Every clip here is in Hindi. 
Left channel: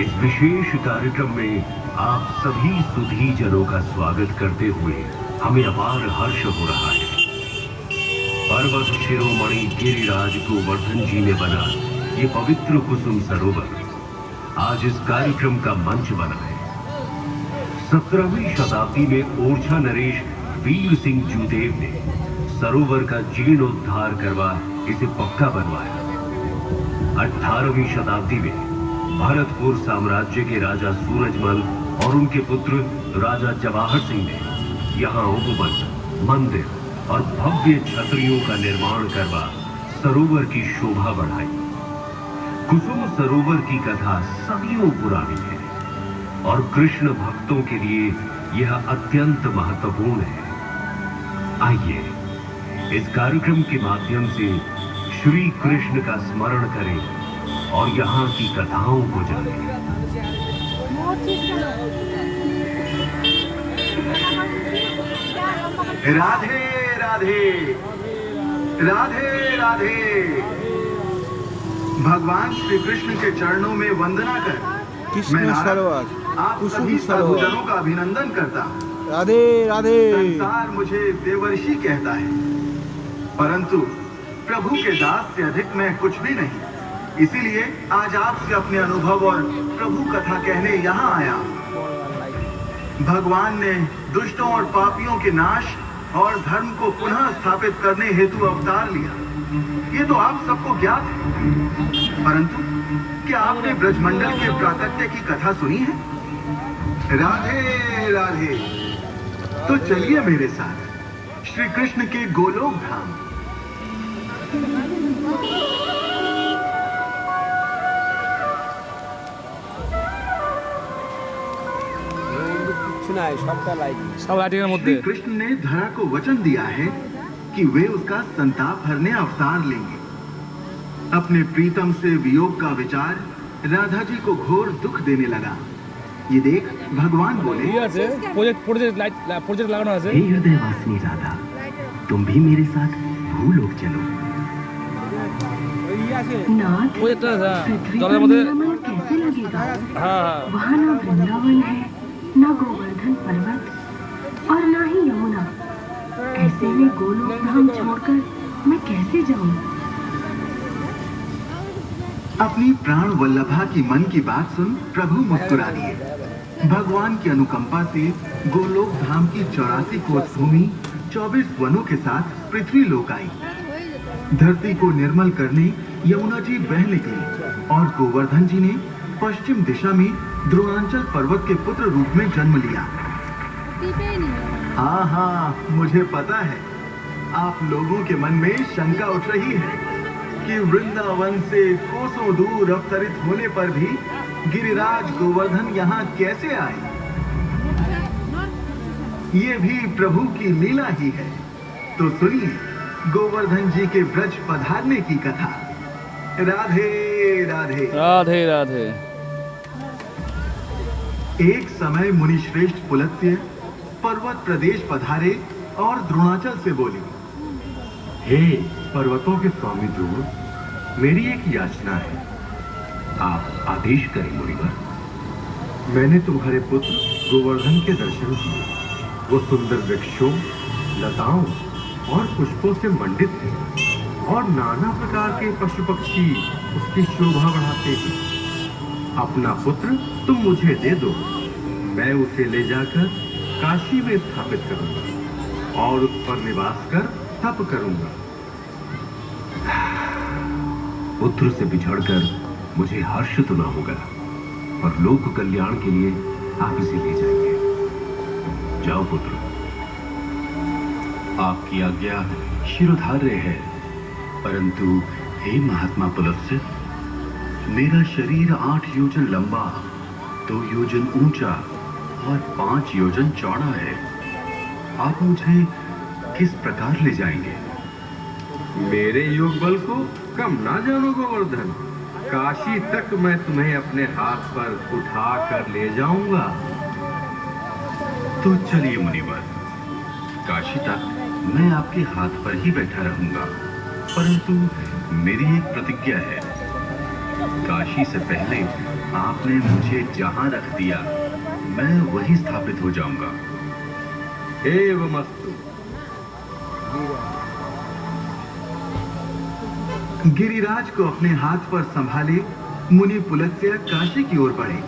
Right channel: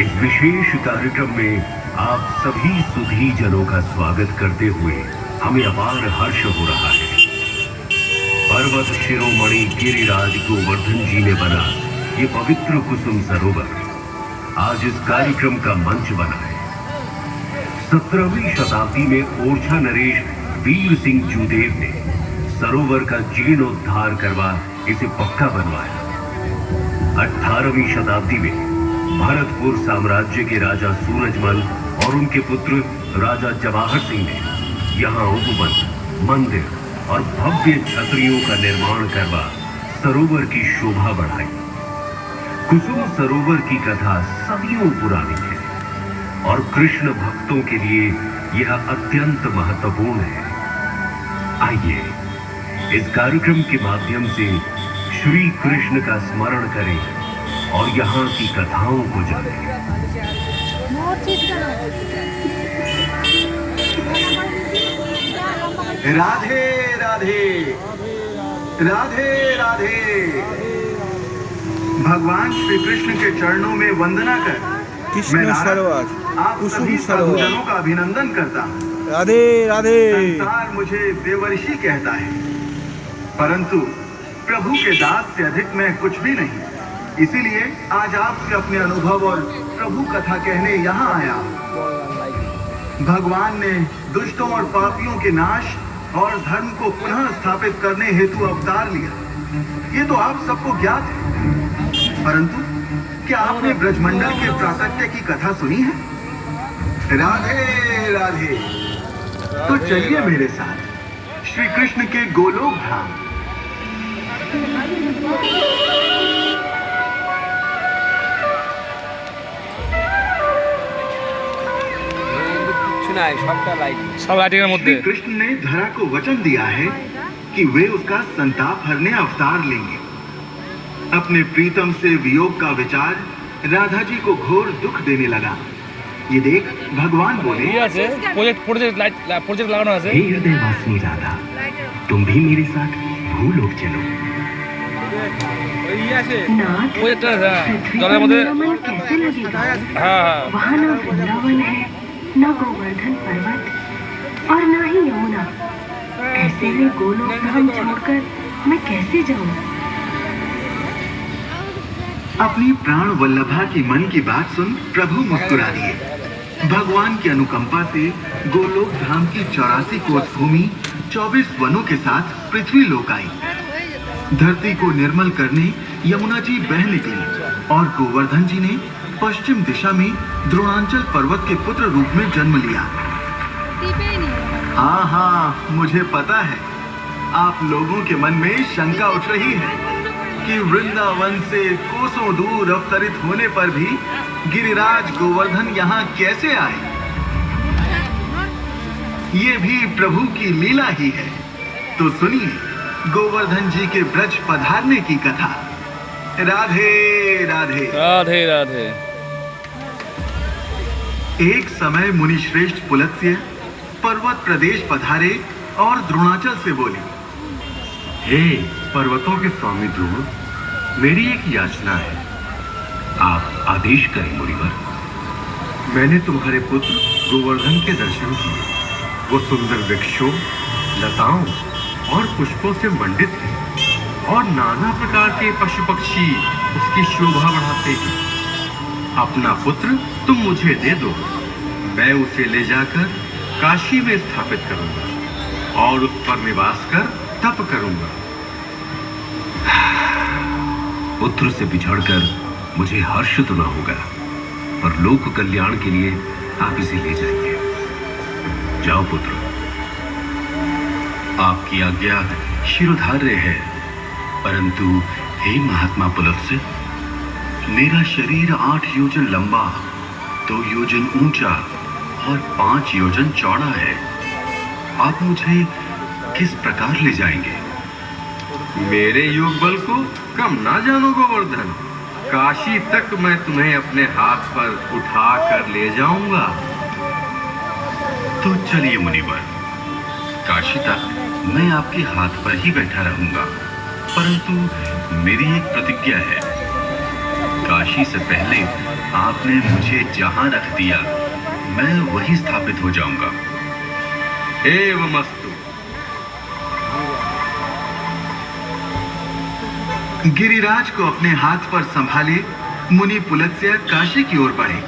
इस विशेष कार्यक्रम में आप सभी सुधी जनों का स्वागत करते हुए हमें अपार हर्ष हो रहा है। पर्वत शिरोमणि गिरिराज गोवर्धन जी ने बना ये पवित्र कुसुम सरोवर आज इस कार्यक्रम का मंच बना है। 17वीं शताब्दी में ओरछा नरेश वीर सिंह जूदेव ने सरोवर का जीर्णोद्धार करवा इसे पक्का बनवाया। 18वीं शताब्दी में भरतपुर साम्राज्य के राजा सूरजमल और उनके पुत्र राजा जवाहर सिंह ने यहाँ उपवन, मंदिर और भव्य छतरियों का निर्माण करवा सरोवर की शोभा बढ़ाई। कुसुम सरोवर की कथा सदियों पुरानी है और कृष्ण भक्तों के लिए यह अत्यंत महत्वपूर्ण है। आइए इस कार्यक्रम के माध्यम से श्री कृष्ण का स्मरण करें और यहाँ की कथाओं को जानें। राधे राधे राधे राधे। भगवान श्री कृष्ण के चरणों में वंदना कर कृष्ण सरोवर, आप कुसुम सभी सरोवर। साधुजनों का अभिनंदन करता हूँ। राधे राधे। संसार मुझे देवर्षि कहता है, परंतु प्रभु के दास से अधिक मैं कुछ भी नहीं। इसीलिए आज आपसे अपने अनुभव और प्रभु कथा कहने यहाँ आया। भगवान ने दुष्टों और पापियों के नाश और धर्म को पुनः स्थापित करने हेतु अवतार लिया। ये तो आप सबको ज्ञात है, परंतु क्या आपने ब्रजमंडल के प्राकट्य की कथा सुनी है? राधे राधे। तो चलिए मेरे साथ श्री कृष्ण के गोलोक धाम। सब लाइटिंग श्री कृष्ण ने धरा को वचन दिया है कि वे उसका संताप हरने अवतार लेंगे। अपने प्रीतम से वियोग का विचार राधा जी को घोर दुख देने लगा। ये देख भगवान बोले, प्रोजेक्ट लगाना है। हे हृदयवासिनी राधा, तुम भी मेरे साथ भूलोक चलो। नाथ, प्रोजेक्ट पृथ्वी जरा पर मध्य मेरा मन कैसे लगेगा? हाँ वहाँ न वृंदावन है, न गोवर्धन पर्वत और न ही यमुना। ऐसे में गोलोक धाम छोड़कर मैं कैसे जाऊँ? अपनी प्राण वल्लभा की मन की बात सुन प्रभु मुस्कुरा दिए। भगवान की अनुकंपा से गोलोक धाम की 84 कोस भूमि 24 वनों के साथ पृथ्वी लोक आई। धरती को निर्मल करने यमुना जी बह निकली और गोवर्धन जी ने पश्चिम दिशा में द्रोणांचल पर्वत के पुत्र रूप में जन्म लिया। हाँ हाँ, मुझे पता है आप लोगों के मन में शंका उठ रही है कि वृंदावन से कोसों दूर अवतरित होने पर भी गिरिराज गोवर्धन यहाँ कैसे आए। ये भी प्रभु की लीला ही है। तो सुनिए गोवर्धन जी के ब्रज पधारने की कथा। राधे राधे राधे राधे। एक समय मुनि श्रेष्ठ पुलत्स्य पर्वत प्रदेश पधारे और द्रोणाचल से बोले, हे पर्वतों के स्वामी ध्रुव, मेरी एक याचना है, आप आदेश करें मुनिवर। मैंने तुम्हारे पुत्र गोवर्धन के दर्शन किए। वो सुंदर वृक्षों, लताओं और पुष्पों से मंडित है और नाना प्रकार के पशु पक्षी उसकी शोभा बढ़ाते हैं। अपना पुत्र तुम मुझे दे दो, मैं उसे ले जाकर काशी में स्थापित करूंगा और उस पर निवास कर तप करूंगा। पुत्र से बिछड़कर मुझे हर्ष तो न होगा, पर लोक कल्याण के लिए आप इसे ले जाइए। जाओ पुत्र, आपकी आज्ञा शिरोधार्य है, परंतु हे महात्मा पुलत्स्य, मेरा शरीर 8 योजन लंबा, 2 योजन ऊंचा और 5 योजन चौड़ा है। आप मुझे किस प्रकार ले जाएंगे? मेरे योग बल को कम ना जानो गोवर्धन, काशी तक मैं तुम्हें अपने हाथ पर उठा कर ले जाऊंगा। तो चलिए मुनिवर, काशी तक मैं आपके हाथ पर ही बैठा रहूंगा, परंतु मेरी एक प्रतिज्ञा है। काशी से पहले आपने मुझे जहां रख दिया मैं वहीं स्थापित हो जाऊंगा। एवमस्तु। गिरिराज को अपने हाथ पर संभाले मुनि पुलत्स्य काशी की ओर बढ़े,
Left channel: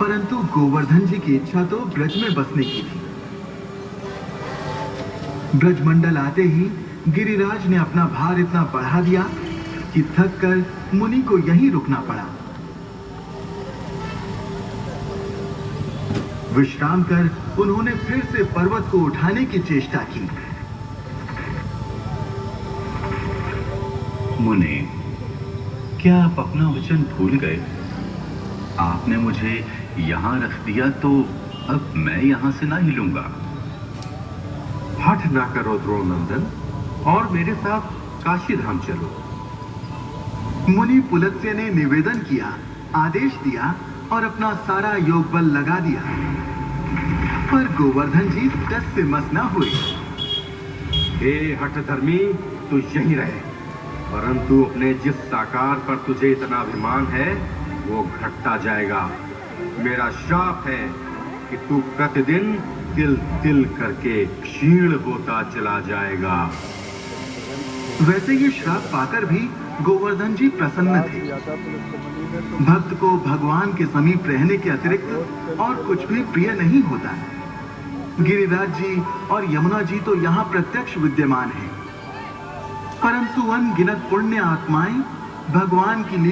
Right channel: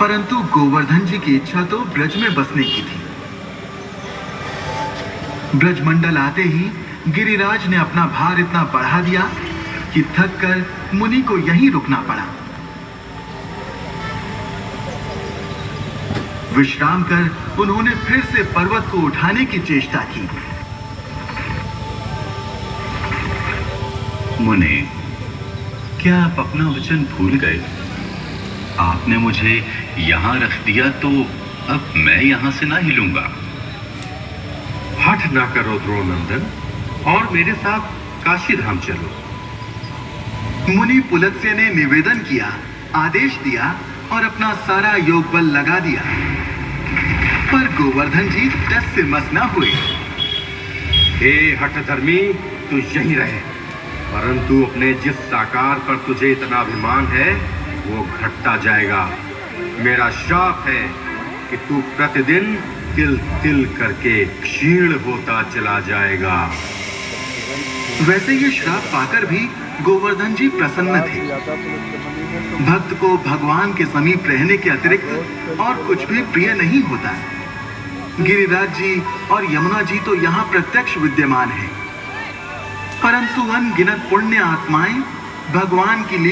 परंतु गोवर्धन जी की इच्छा तो ब्रज में बसने की थी। ब्रजमंडल आते ही गिरिराज ने अपना भार इतना बढ़ा दिया कि थक कर मुनि को यहीं रुकना पड़ा। विश्राम कर उन्होंने फिर से पर्वत को उठाने की चेष्टा की। मुने, क्या आप अपना वचन भूल गए? आपने मुझे यहां रख दिया तो अब मैं यहां से ना हिलूंगा। हठ ना करो ध्रुवनंदन, और मेरे साथ काशी धाम चलो। मुनि पुलत्स्य ने निवेदन किया, आदेश दिया और अपना सारा योग बल लगा दिया, पर गोवर्धन जी टस से मस न हुए। हे हठधर्मी, तू यहीं रहे, परंतु अपने जिस साकार पर तुझे इतना अभिमान है वो घटता जाएगा। मेरा श्राप है कि तू प्रतिदिन तिल तिल करके क्षीण होता चला जाएगा। वैसे ये श्राप पाकर भी गोवर्धन जी प्रसन्न थे। भक्त को भगवान के समीप रहने के अतिरिक्त और कुछ भी प्रिय नहीं होता। गिरिराज जी और यमुना जी तो यहाँ प्रत्यक्ष विद्यमान हैं, परंतु अनगिनत पुण्य आत्माएं भगवान की लीला